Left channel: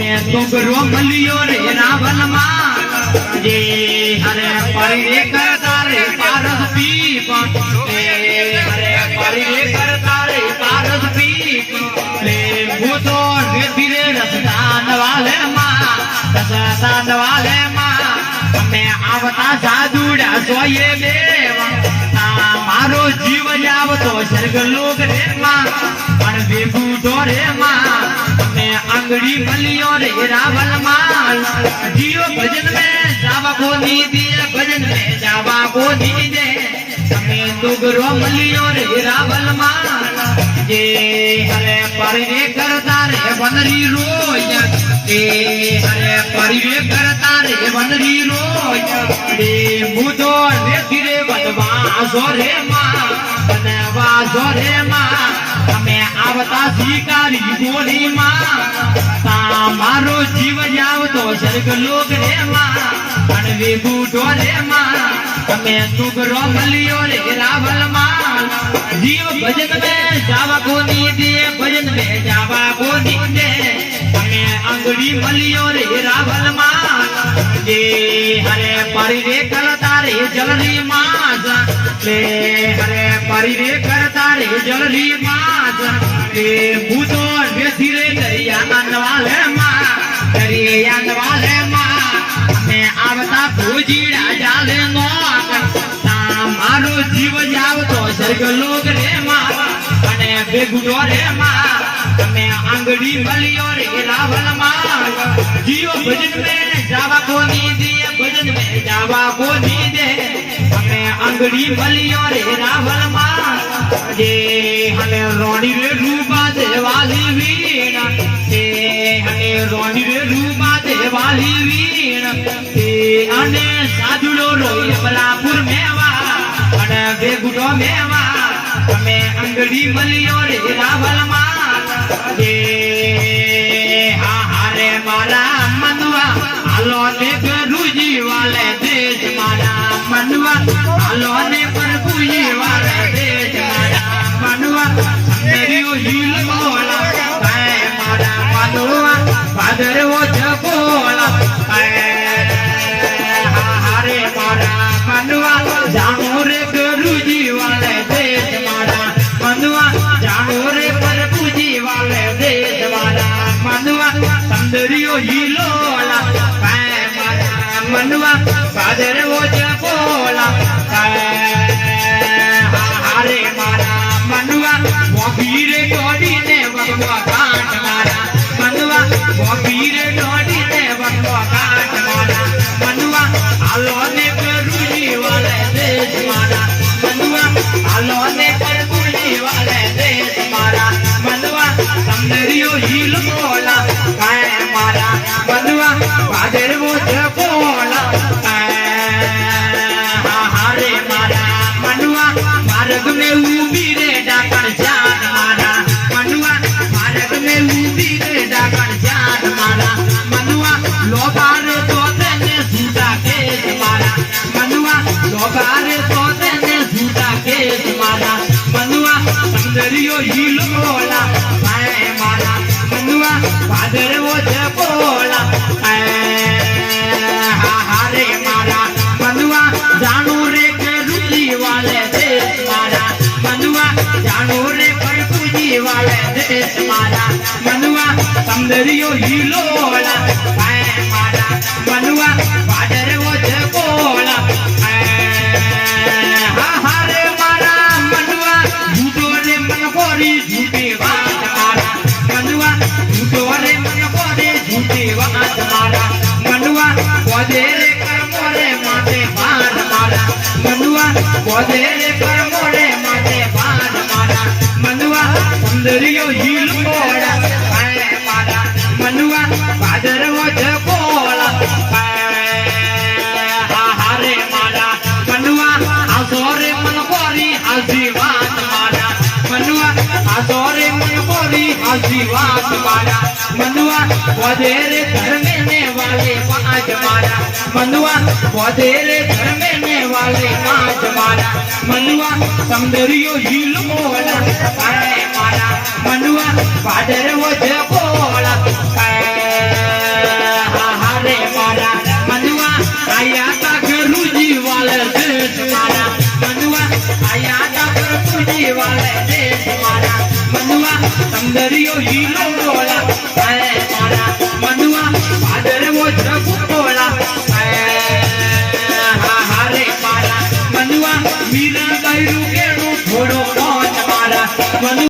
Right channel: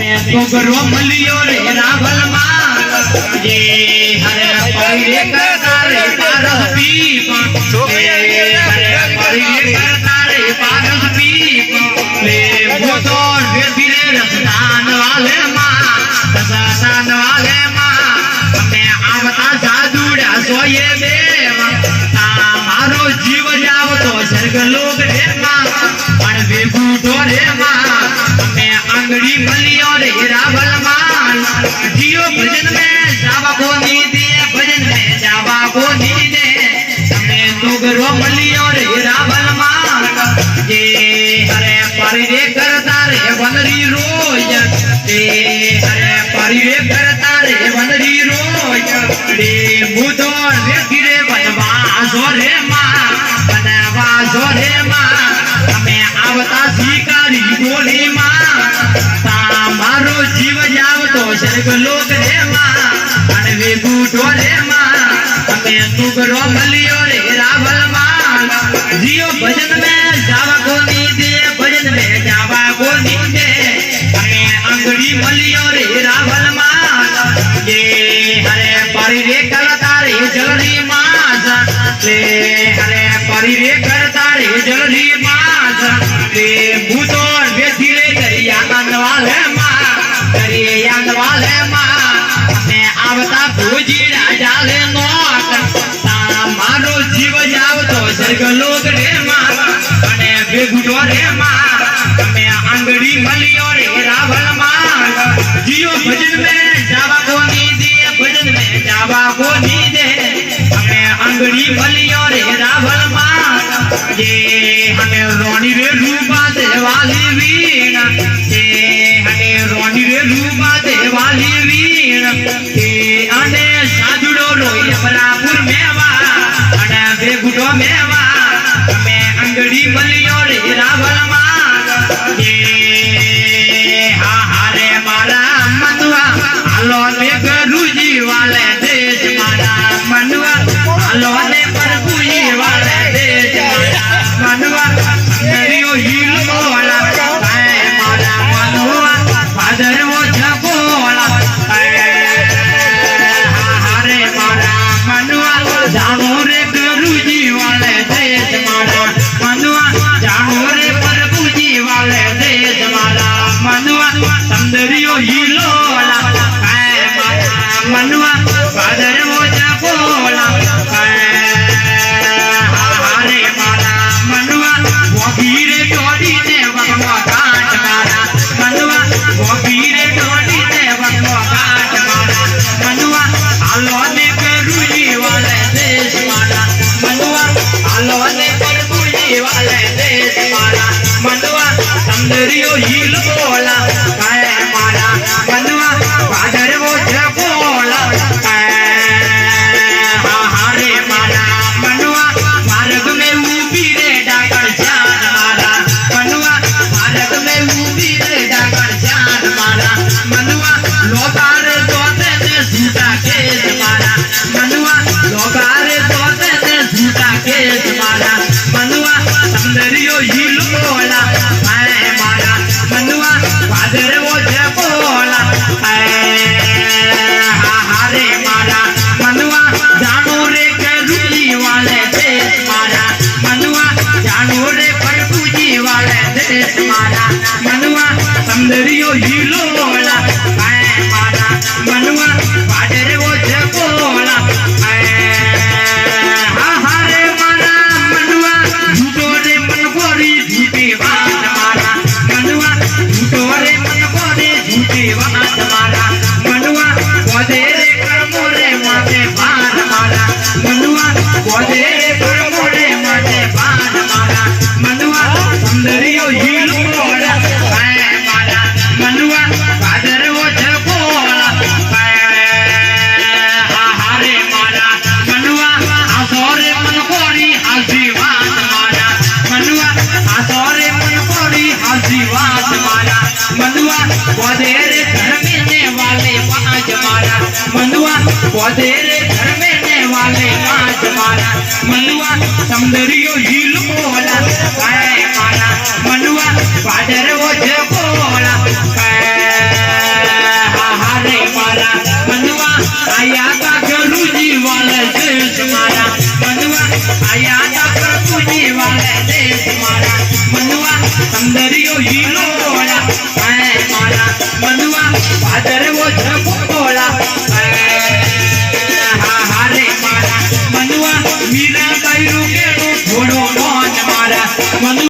सुगरो मलियो रे रावल मां ये हरे परिरे करता रे पारस पीप हरे परिरे करता रे पारस पीप ले भूतो रे धीरे रसदान वाले मां रसदान वाले मां मैं आवता जादूड़ा सोये देव मारो जीव जाव तो स्वर्ग लोक रे मां पण वे बूढ़ो रे मां अंगड़ी मलियो रे रावल माई जियो भजन में जावा को नी दिए भजन में जावा को नी दे मैं सुगरो मलियो रे रावल माई ये हरे परिरे करता रे वनरी रोज ये हरे परिरे करता रे वनरी रोज रे बुधो रे गिरे बनवा जोरे मां बनवा जोरे मां मैं आवता शिकारी बोली मां मारो जीव जाव तो स्वर्ग लोक रे मां अन वे बूढ़ो रे मां मैं सुगरो मलियो रे रावल मां जियो भजन में जावा को नी दे भजन में जावा को नी दे मैं अंगड़ी मलियो रे रावल मां ये हरे परिरे करता रे जलरी मां ले हरे परिरे करता रे जलरी मां ले बूढ़ो रे धीरे दरिया वाले वाले मां मैं आवता भूजीड़ा जाले नोक मारो जीव जाव तो स्वर्ग लोक रे मां अने बेगुटो रे मां मैं अंगड़ी मलियो रे रावल मां जियो भजन में जावा को नी दिए भजन में जावा को नी दे मैं अंगड़ी मलियो रे रावल मां ये हमें रोनी रे रूपा देवाली वीणा रोनी रे रूपा देवाली वीण अने साधुड़ो रोई अमरापुर मेवा अने बेगुटो मेवा मैं अंगड़ी मलियो रे रावल मां ये हारे मारा मनुआ हालो ने गुरुजी वाले देश मारा मनुआ हालो ने प्रभुजी वाले देश मारा मनुआ मेरियो हिल बोला मारा मनुआ फादर वो जगोला हरे मारा मनुआ जानो रे गुरुजी वाले देश मारा मनुआ जानो रे प्रभुजी वाले देश मारा मनुआ संदरियो हिलोला मारा मनुआ फादर वो जगोला हरे मारा मनुआ वो गिरे डोरी ने वगवा काट मारा मनुआ वो गिरे डोरी ने वगवा काट मारा मनुआ आलो ने गुरुजी वाले देश मारा मनुआ आलो ने प्रभुजी वाले देश मारा मनुआ संदरियो हिल बोला काय मारा मनुआ बादर वो जपोला हरे मारा मनुआ मार्ग में उभी रे डाकर जान मारा मनुआ मार्ग में उभी रे डाकर जान मारा मनुआ लोबार तोते ने झूठा केस मारा मनुआ लोबार तोते ने झूठा केस मारा मनुआ संदरियो हिल बोला हाय मारा मनुआ बादर वो जपोला हरे मारा मनुआ जानो रे गुरुजी वाले देश मारा मनुआ जानो रे प्रभुजी वाले देश मारा मनुआ संदरियो हिलो बोला हाय मारा मनुआ बादर वो जपोला हरे मारा मनुआ झूठो रे मन कोरी झूठी बात मारा मनुआ झूठो रे मन कोरी झूठी बात मारा मनुआ बोधे रे कर्मो रे माथे बाण मारा मनुआ बोधे रे कर्मो रे माथे बाण मारा मनुआ संदरियो हिल बोला हाय मारा मनुआ बादर वो जपोला हरे मारा मनुआ आसोरे मन कोरी आशीर्वाद मारा मनुआ आसोरे मन कोरी आशीर्वाद मारा मनुआ बोधे रे धर्मेने वाले पांच मारा मनुआ बोधे रे धर्मेने वाले पांच मारा मनुआ सौंदर्यो हिल बोला हाय मारा मनुआ बादर वो जपोला આયા ડાકર પૂજી વાલે દેશ મારા મનુઆ સંદરિયો હીરો બોલા હે મારા મનુઆ ભાદરવો